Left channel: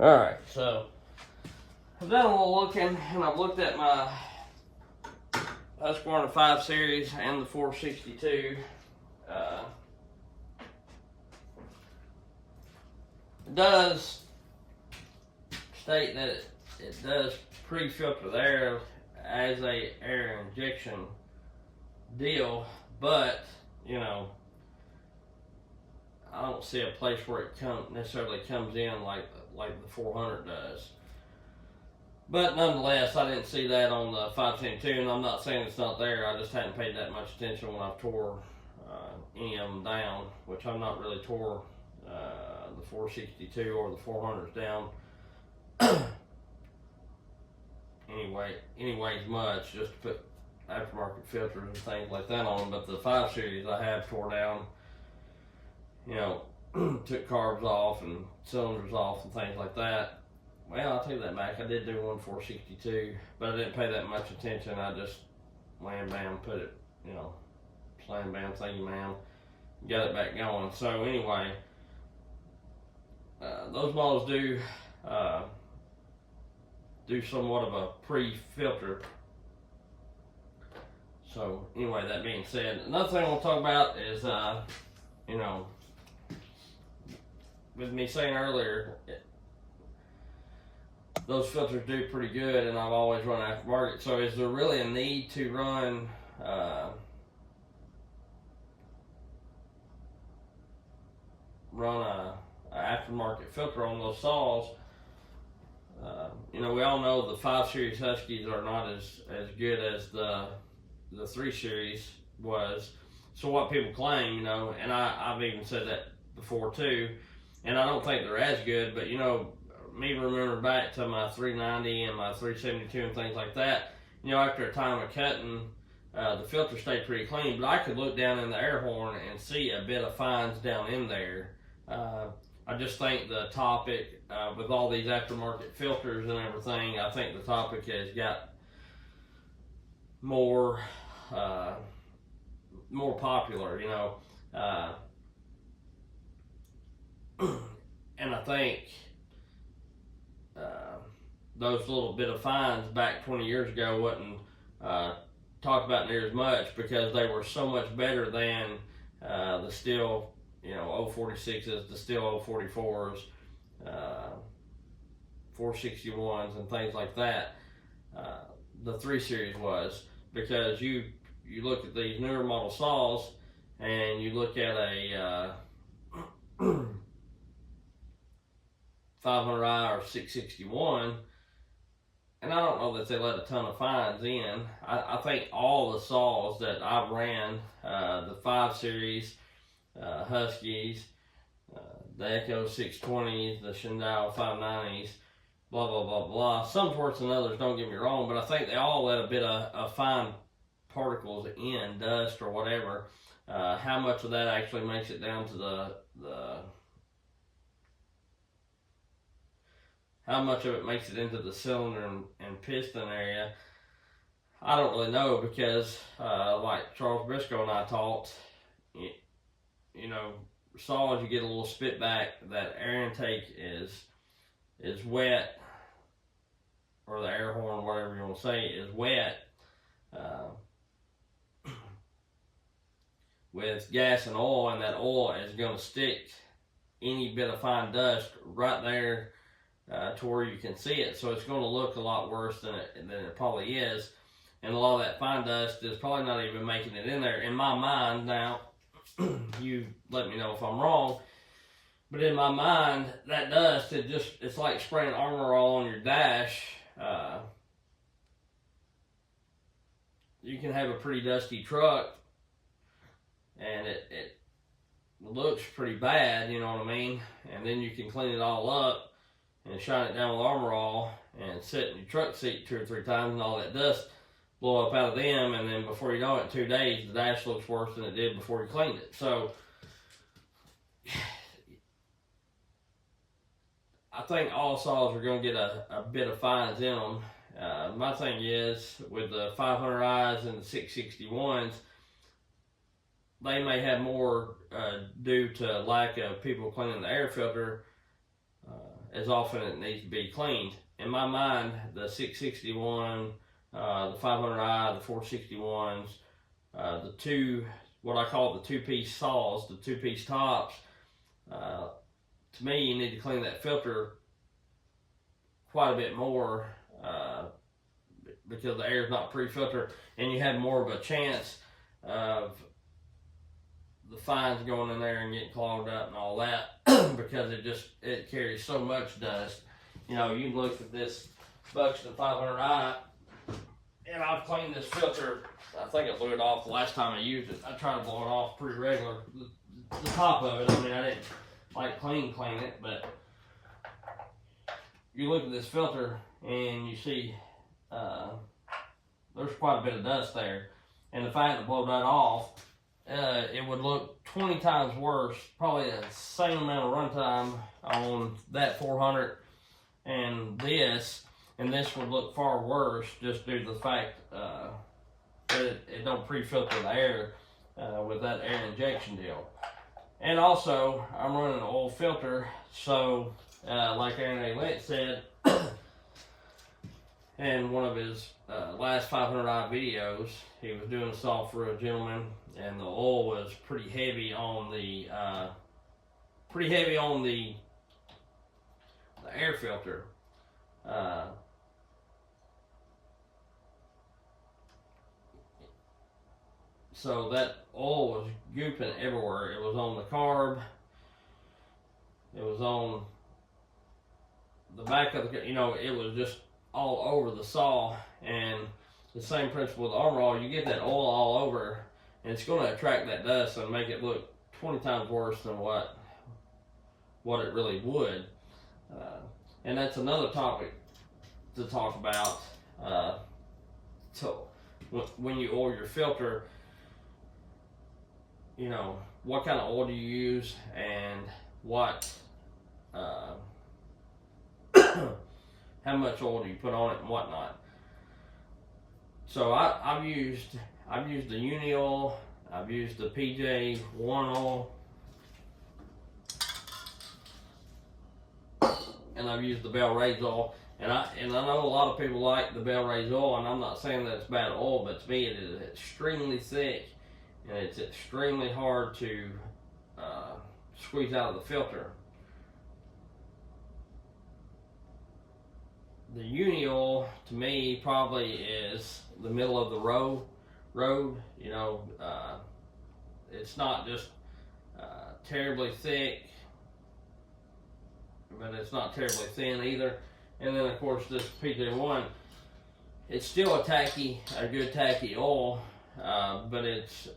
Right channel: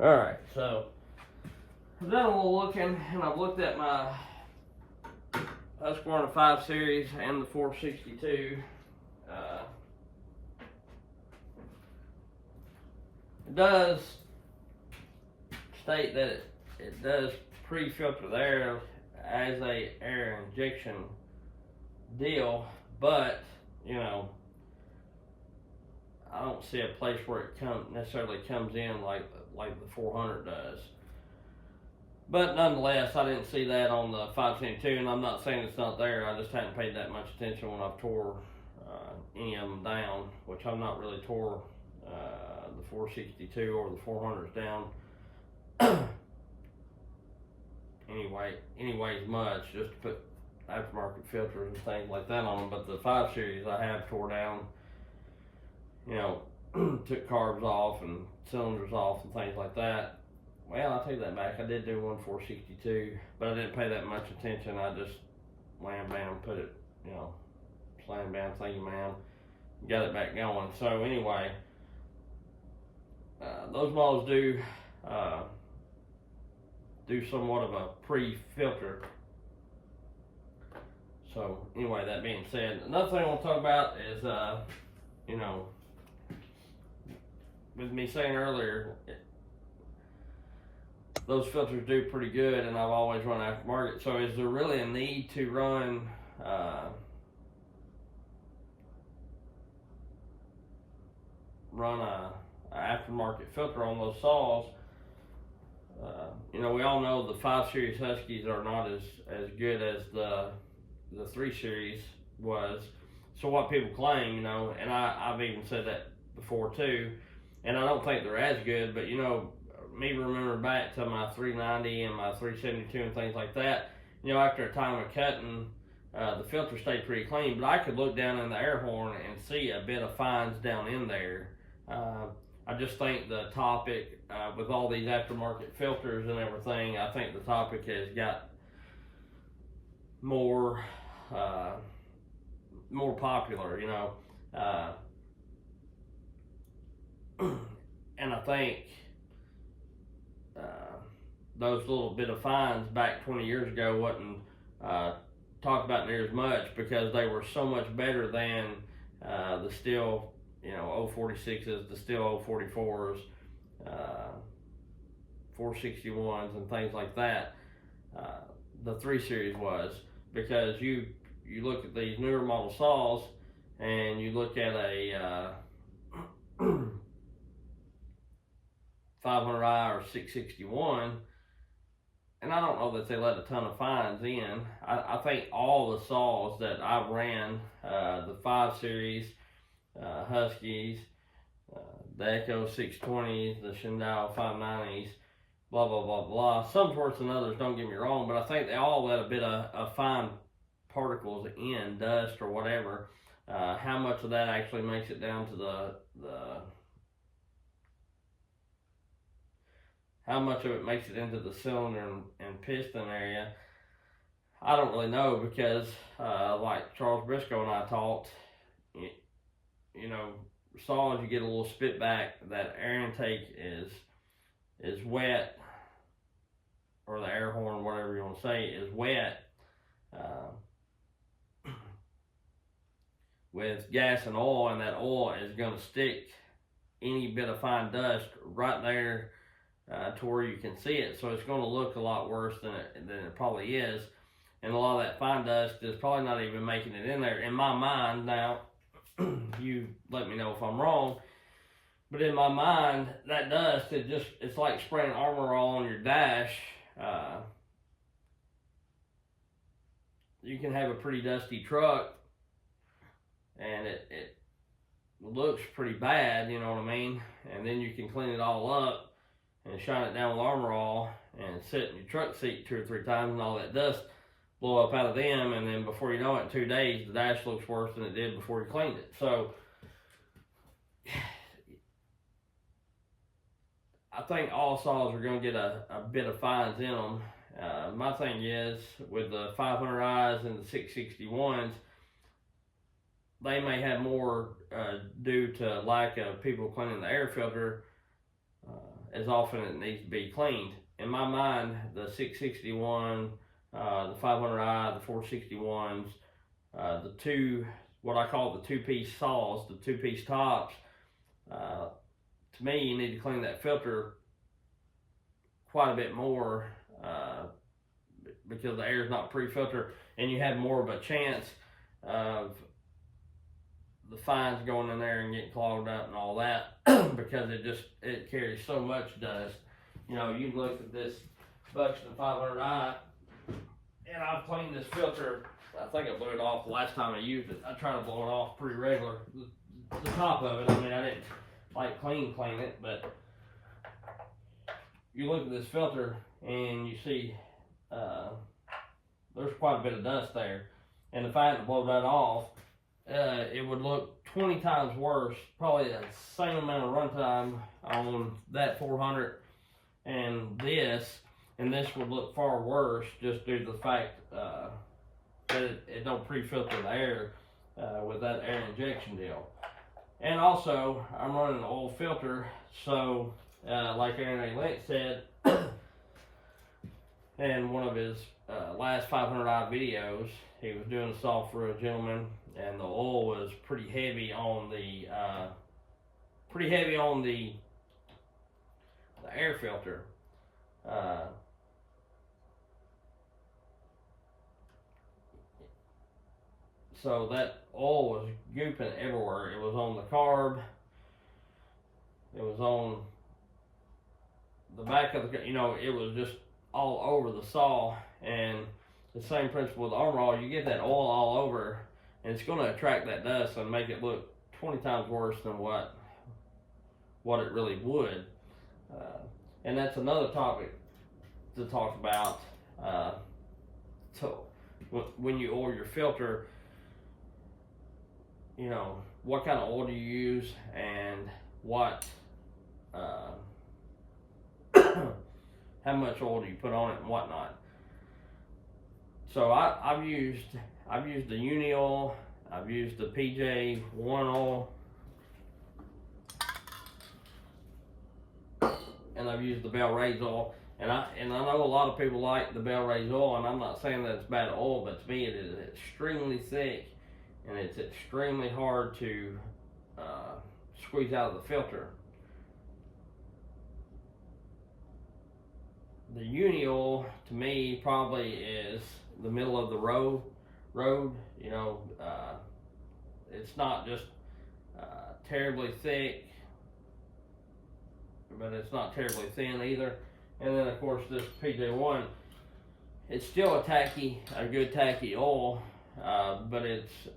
Alright, so I've done a little looking, and I've looked at my Husky 5 Series and the 462. It does state that it does pre-filter the air as a air injection deal, but you know, I don't see a place where it necessarily comes in like the 400 does. But nonetheless, I didn't see that on the 572, and I'm not saying it's not there. I just hadn't paid that much attention when I've tore any of them down, which I've not really tore the 462 or the 400s down. anyways much, just to put aftermarket filters and things like that on them. But the 5 Series I have tore down, you know, took carbs off and cylinders off and things like that. Well, I'll take that back. I did do one 462, but I didn't pay that much attention. I just wham bam, put it, you know, slam bam, thank you ma'am, got it back going. So anyway, those models do somewhat of a pre-filter. So anyway, that being said, another thing I want to talk about is, you know, with me saying earlier, those filters do pretty good, and I've always run aftermarket. So is there really a need to run a aftermarket filter on those saws? You know, we all know the 5 Series Huskies are not as good as the 3 Series was. So what people claim, you know, and I've even said that before too, and I don't think they're as good, but you know, me remember back to my 390 and my 372 and things like that, you know, after a time of cutting, the filter stayed pretty clean, but I could look down in the air horn and see a bit of fines down in there. I just think the topic, with all these aftermarket filters and everything, I think the topic has got more popular, you know, and I think those little bit of fines back 20 years ago wasn't talked about near as much, because they were so much better than the Stihl, you know, 046s, the Stihl 044s, 461s, and things like that. The 3 Series was, because you look at these newer model saws and you look at a 500i or 661, and I don't know that they let a ton of fines in. I think all the saws that I've ran, the 5 Series, Huskies, the Echo 620s, the Stihl 590s, blah, blah, blah, blah. Some sorts and others, don't get me wrong, but I think they all let a bit of fine particles in, dust or whatever. How much of that actually makes it down to how much of it makes it into the cylinder and piston area, I don't really know, because like Charles Briscoe and I talked, you know, saws, you get a little spit back, that air intake is wet, or the air horn, whatever you want to say, is wet with gas and oil, and that oil is going to stick any bit of fine dust right there to where you can see it. So it's going to look a lot worse than it probably is, and a lot of that fine dust is probably not even making it in there, in my mind. Now, you let me know if I'm wrong, but in my mind, that dust, it's like spraying Armor All on your dash. You can have a pretty dusty truck, and it looks pretty bad, you know what I mean? And then you can clean it all up and shine it down with Armor All and sit in your truck seat 2 or 3 times, and all that dust blow up out of them, and then before you know it, in 2 days, the dash looks worse than it did before you cleaned it. So I think all saws are going to get a bit of fines in them. My thing is, with the 500Is and the 661s, they may have more due to lack of people cleaning the air filter as often as it needs to be cleaned. In my mind, the 661, the 500i, the 461s, the two, what I call the two-piece saws, the two-piece tops, to me, you need to clean that filter quite a bit more because the air is not pre-filtered, and you have more of a chance of the fines going in there and getting clogged up and all that because it carries so much dust. You know, you can look at this Buxton 500i, and I've cleaned this filter. I think I blew it off the last time I used it. I try to blow it off pretty regular. The top of it, I mean, I didn't like clean it, but you look at this filter and you see there's quite a bit of dust there. And if I had to blow that off, it would look 20 times worse, probably the same amount of runtime on that 400 and this would look far worse just due to the fact that it don't pre-filter the air with that air injection deal. And also, I'm running an oil filter, so like Aaron A. Lynch said in one of his last 500i videos, he was doing a saw for a gentleman, and the oil was pretty heavy on the air filter. So that oil was gooping everywhere. It was on the carb. It was on the back of the, you know, it was just all over the saw. And the same principle with the armor all, you get that oil all over, and it's going to attract that dust and make it look 20 times worse than what it really would. And that's another topic to talk about. So when you oil your filter, you know, what kind of oil do you use, and what how much oil do you put on it and whatnot. So I've used the Uni oil, I've used the PJ1 oil, and I've used the Bell Rays oil. And I know a lot of people like the Bell Rays oil, and I'm not saying that it's bad oil, but to me it is extremely thick, and it's extremely hard to squeeze out of the filter. The Uni oil, to me, probably is the middle of the road. You know, it's not just terribly thick, but it's not terribly thin either. And then, of course, this PJ1, it's still a good tacky oil, but it's,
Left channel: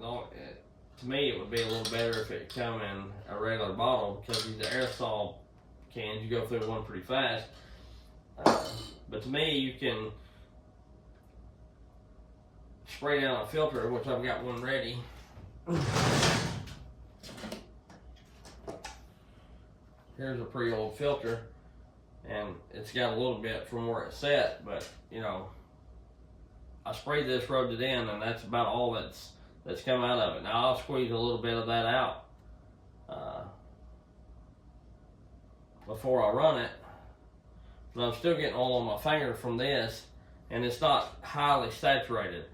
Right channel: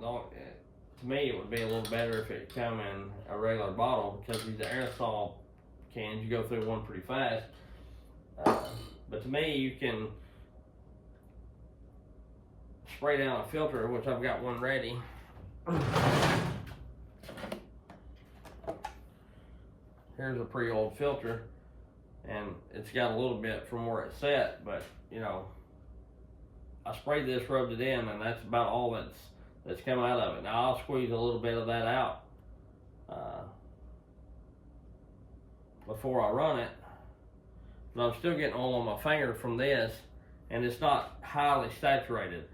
to me, it would be a little better if it come in a regular bottle, because these aerosol cans, you go through one pretty fast. But to me, you can spray down a filter, which I've got one ready. Here's a pre-oiled filter, and it's got a little bit from where it's set, but you know, I sprayed this, rubbed it in, and that's about all that's come out of it. Now I'll squeeze a little bit of that out before I run it, but I'm still getting oil on my finger from this, and it's not highly saturated.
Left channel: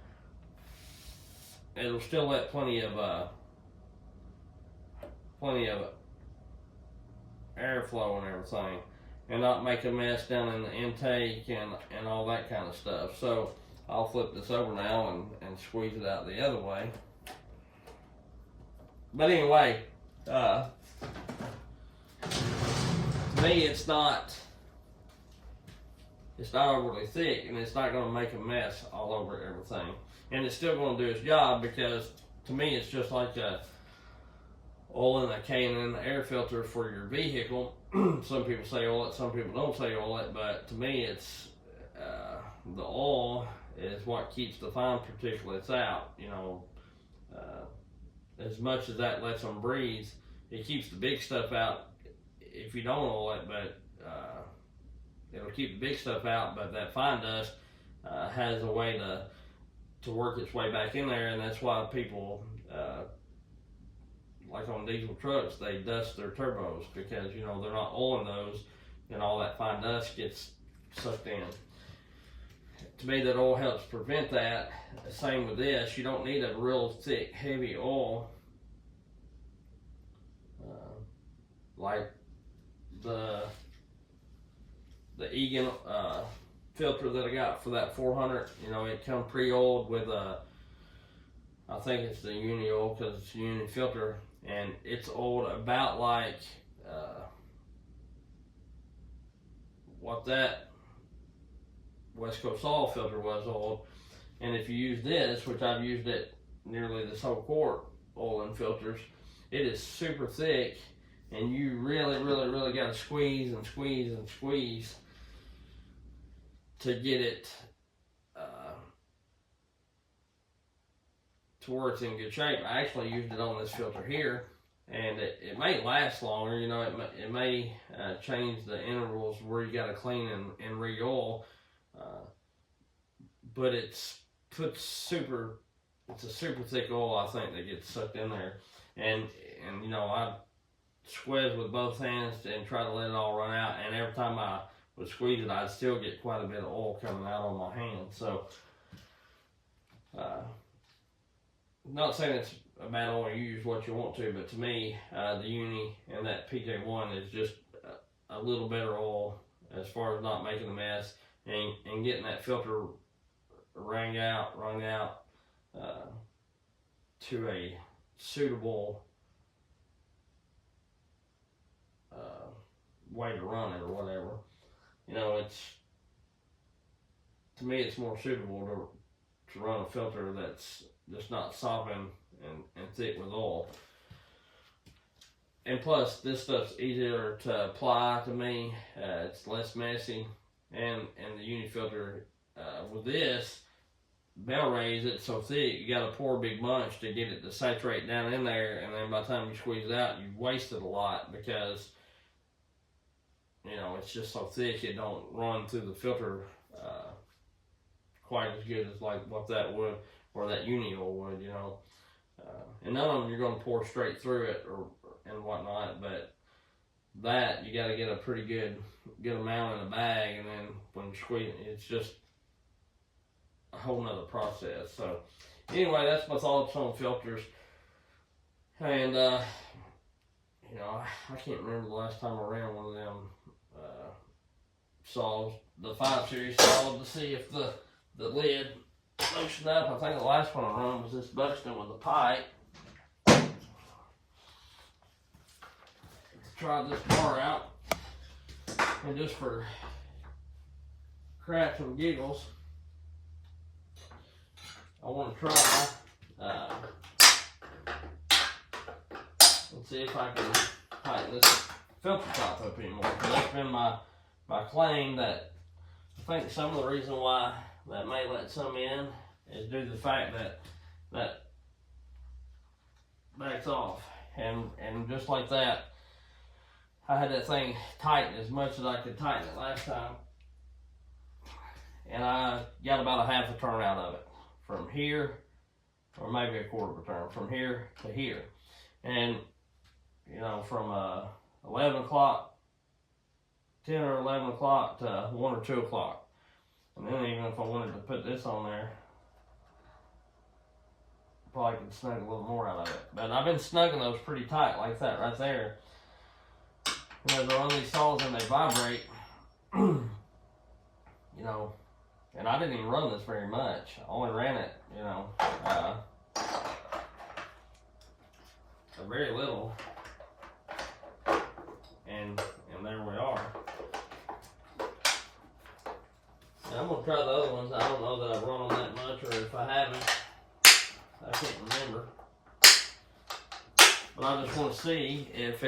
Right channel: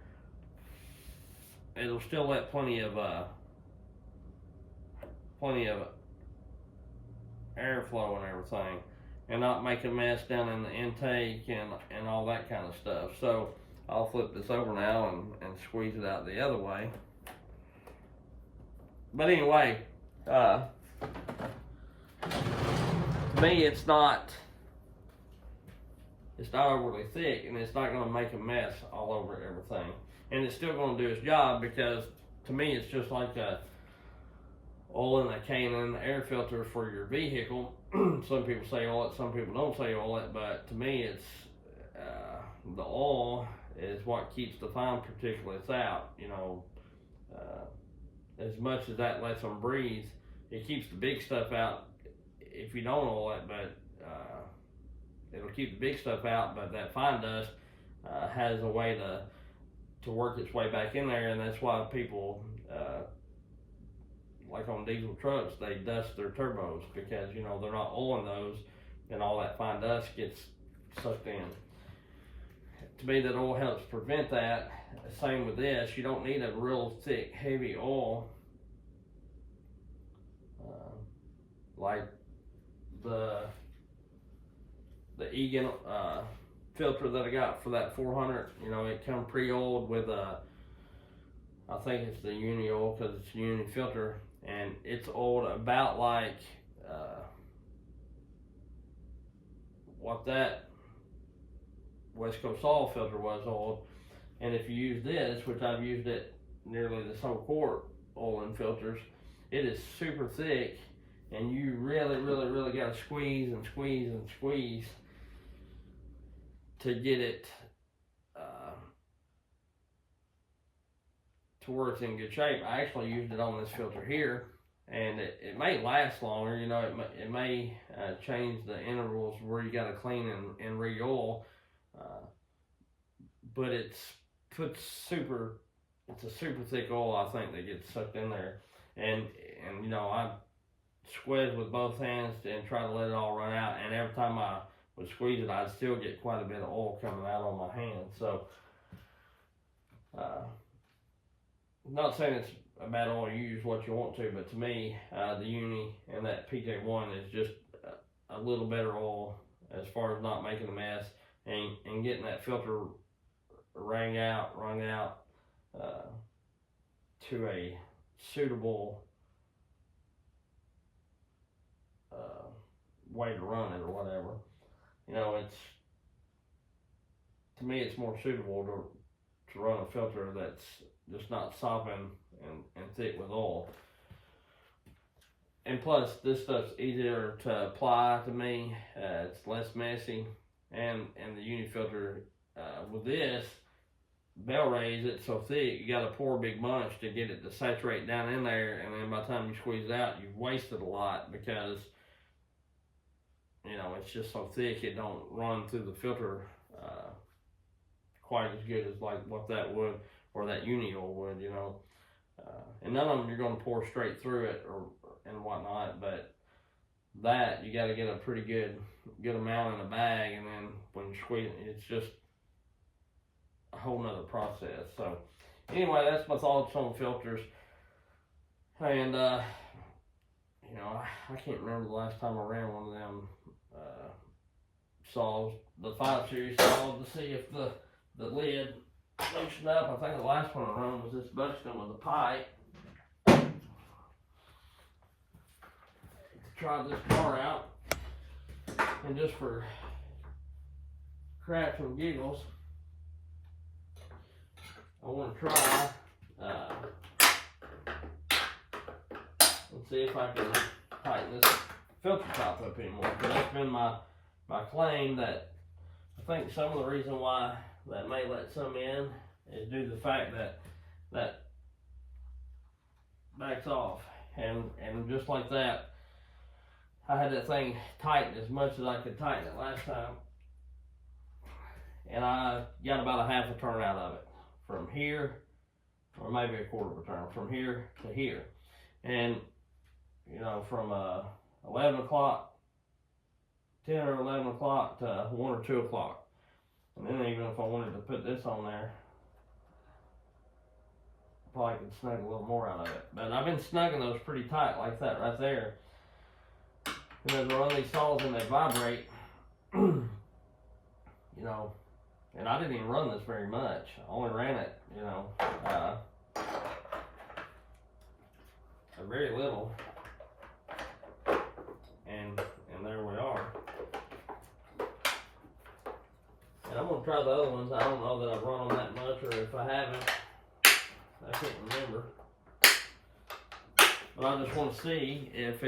It'll still let plenty of airflow and everything, and not make a mess down in the intake and all that kind of stuff. So I'll flip this over now and squeeze it out the other way. But anyway, to me, it's not overly thick, and it's not going to make a mess all over everything, and it's still going to do its job, because to me it's just like oil in a can in the air filter for your vehicle. Some people say oil it, some people don't say oil it, but to me it's the oil is what keeps the fine particulates out. You know, as much as that lets them breathe, it keeps the big stuff out if you don't oil it, but it'll keep the big stuff out, but that fine dust has a way to work its way back in there, and that's why people like on diesel trucks, they dust their turbos because, you know, they're not oiling those, and all that fine dust gets sucked in. To me, that oil helps prevent that. Same with this. You don't need a real thick, heavy oil like the Egan filter that I got for that 400. You know, it come pre-oiled with a, I think it's the uni oil because it's a uni filter, and it's oiled about like what that West Coast oil filter was oiled. And if you use this, which I've used it nearly this whole quart oiling filters, it is super thick, and you really got to squeeze and squeeze and squeeze to get it to where it's in good shape. I actually used it on this filter here, and it may last longer. You know, it may change the intervals where you got to clean and re-oil, but it's a super thick oil, I think, that gets sucked in there, and you know, I squeeze with both hands and try to let it all run out, and every time I would squeeze it, I'd still get quite a bit of oil coming out on my hand. So not saying it's a bad oil, you use what you want to, but to me, the Uni and that PJ1 is just a little better oil as far as not making a mess and getting that filter wrung out to a suitable way to run it or whatever. You know, to me, it's more suitable to run a filter that's just not sopping and thick with oil. And plus, this stuff's easier to apply to me. It's less messy, and the Uni filter with this bell raise, it's so thick you got to pour a big bunch to get it to saturate down in there, and then by the time you squeeze it out, you've wasted a lot because, you know, it's just so thick it don't run through the filter quite as good as like what that would, or that Uni oil would, you know. And none of them you're going to pour straight through it and whatnot, but that you got to get a pretty good amount in a bag, and then when you squeeze it, it's just a whole nother process. So anyway, that's my thoughts on filters. And you know, I can't remember the last time I ran one of them saws, the 5 series saw, to see if the lid loosened up. I think the last one I run was this Buxton with the pipe. Try this bar out, and just for cracks and giggles, I want to try and see if I can tighten this filter top up anymore. Because that's been my claim, that I think some of the reason why that may let some in is due to the fact that backs off, and just like that, I had that thing tightened as much as I could tighten it last time, and I got about a half a turn out of it from here, or maybe a quarter of a turn from here to here. And you know, from 11 o'clock, 10 or 11 o'clock to 1 or 2 o'clock. And then even if I wanted to put this on there, I probably could snug a little more out of it. But I've been snugging those pretty tight like that right there. And as I run these saws and they vibrate, you know, and I didn't even run this very much. I only ran it, you know, a very little. And there we are. And I'm gonna try the other ones. I don't know that I've run them that much, or if I haven't, I can't remember. But I just want to see if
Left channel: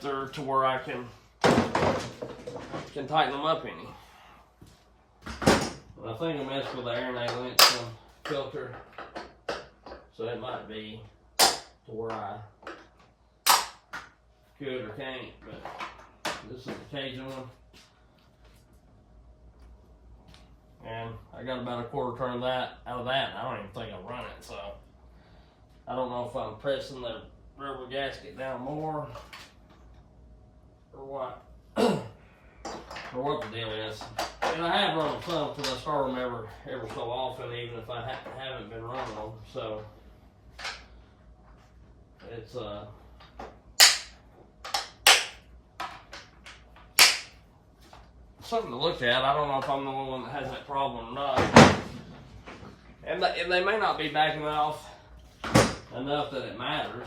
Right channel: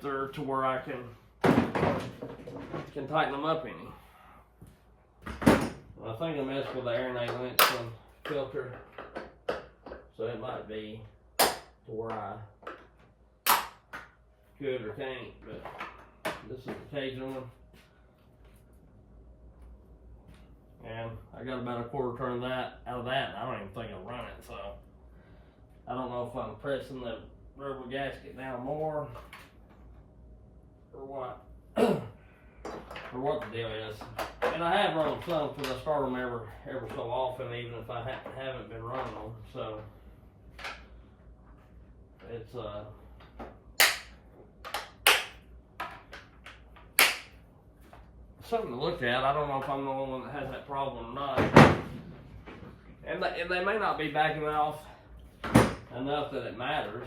they're to where I can tighten them up any. But I think I messed with the Aranate Linson filter, so it might be to where I could or can't, but this is the Cajun one. And I got about a quarter turn of that out of that, and I don't even think I'll run it, so I don't know if I'm pressing the rubber gasket down more, or what, or what the deal is. And I have run some because I start them every so often, even if I haven't been running them. So it's something to look at. I don't know if I'm the only one that has that problem or not. And they may not be backing off enough that it matters.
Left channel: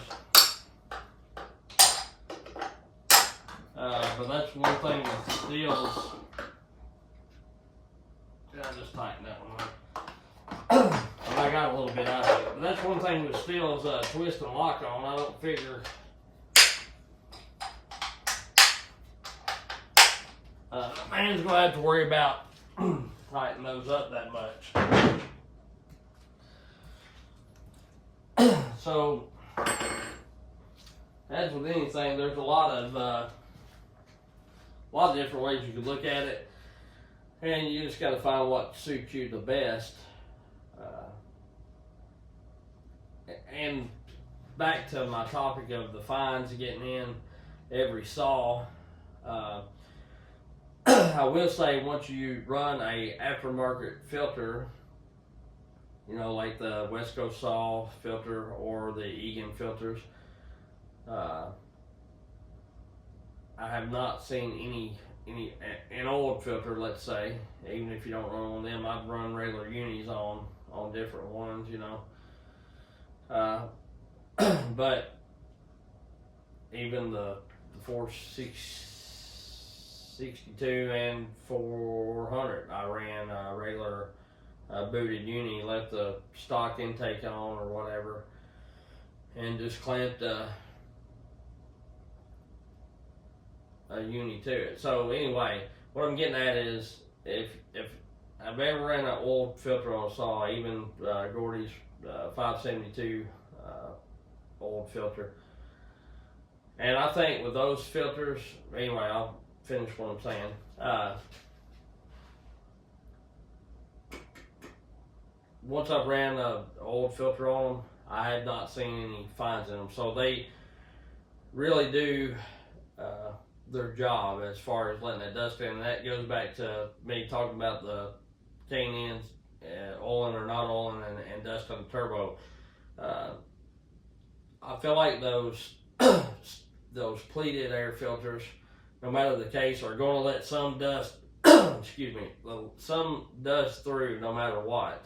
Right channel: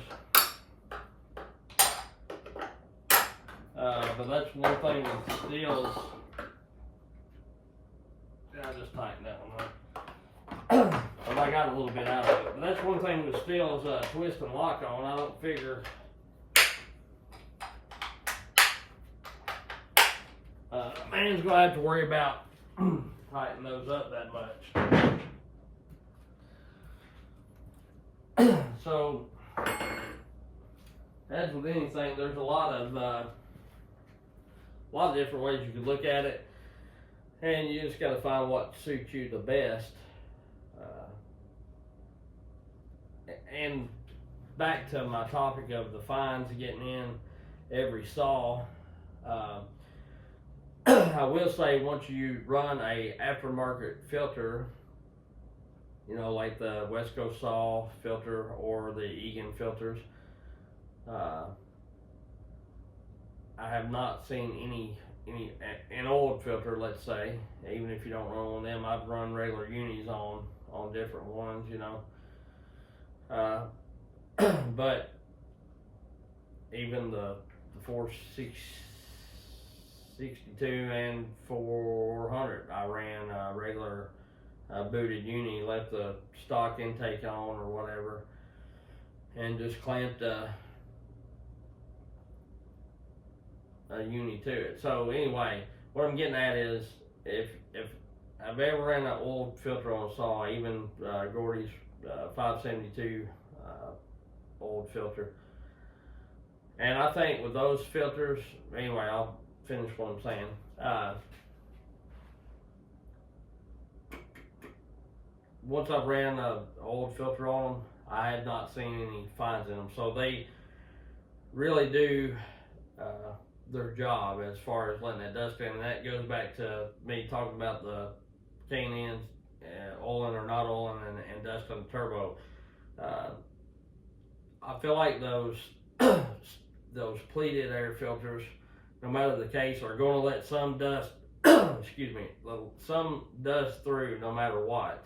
But that's one thing with Stihls. I just tightened that one up. I got a little bit out of it. But that's one thing with Stihls, twist and lock on. I don't figure man's gonna have to worry about tightening those up that much. So, as with anything, there's a lot of different ways you could look at it, and you just got to find what suits you the best. And back to my topic of the fines getting in every saw. I will say, once you run a aftermarket filter, you know, like the West Coast saw filter or the Egan filters, I have not seen an old filter, let's say, even if you don't run one of them. I've run regular unis on different ones, you know. But even the 462 and 400, I ran a regular booted uni, left the stock intake on or whatever, and just clamped a uni to it. So anyway, what I'm getting at is, if I've ever ran an old filter on a saw, even Gordy's 572 old filter, and I think with those filters, anyway, I'll finish what I'm saying. Once I've ran an old filter on them, I have not seen any fines in them. So they really do their job as far as letting that dust in. And that goes back to me talking about the K&Ns, oiling or not oiling, and dust on the turbo. I feel like those pleated air filters, no matter the case, are going to let some dust, excuse me, some dust through no matter what.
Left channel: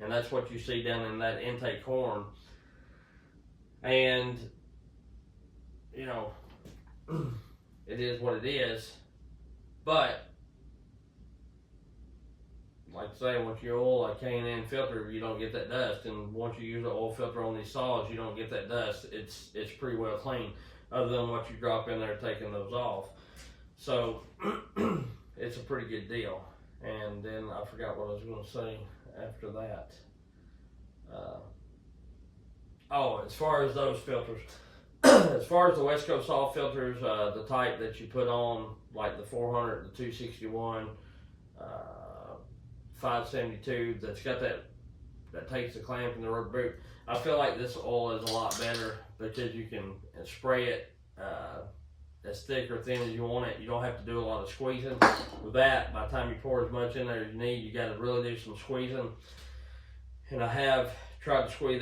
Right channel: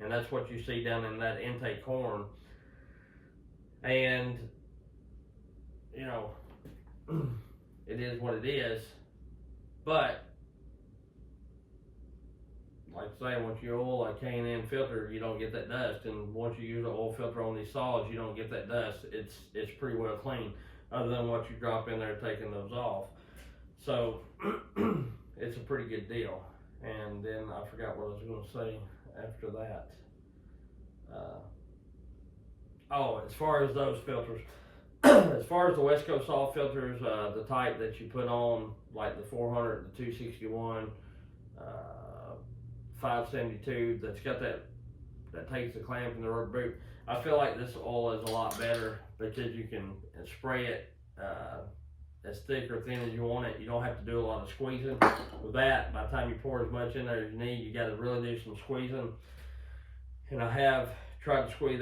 And that's what you see down in that intake horn. And, you know, it is what it is. But, like I say, once you oil a K&N filter, you don't get that dust. And once you use an oil filter on these saws, you don't get that dust. It's pretty well clean, other than what you drop in there taking those off. So, it's a pretty good deal. And then I forgot what I was going to say after that. As far as those filters, as far as the West Coast saw filters, the type that you put on, like the 400, the 261, 572, that's got that takes the clamp and the rubber boot, I feel like this oil is a lot better because you can spray it as thick or thin as you want it. You don't have to do a lot of squeezing. With that, by the time you pour as much in there as you need, you got to really do some squeezing. And I have tried to squeeze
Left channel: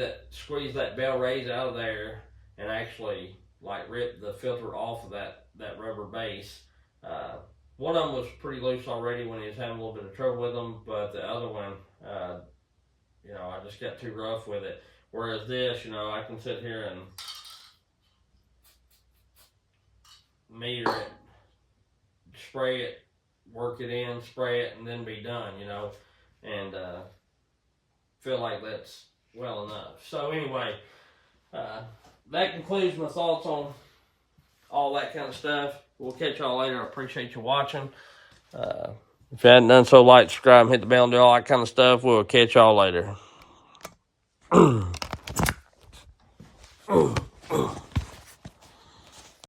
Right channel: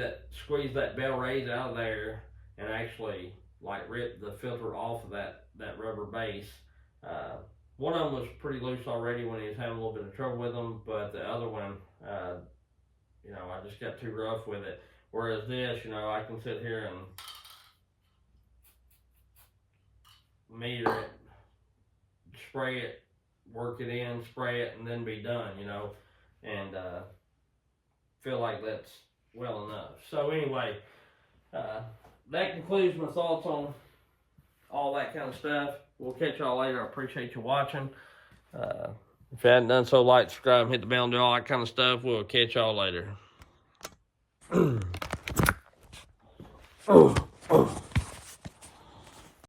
that bell raise out of there and actually like rip the filter off of that rubber base. One of them was pretty loose already when he was having a little bit of trouble with them, but the other one, you know, I just got too rough with it. Whereas this, you know, I can sit here and meter it, spray it, work it in, spray it, and then be done, you know, and feel like that's well enough. So anyway, that concludes my thoughts on all that kind of stuff. We'll catch y'all later. I appreciate you watching. If you hadn't done so, like, subscribe, hit the bell, and do all that kind of stuff. We'll catch y'all later.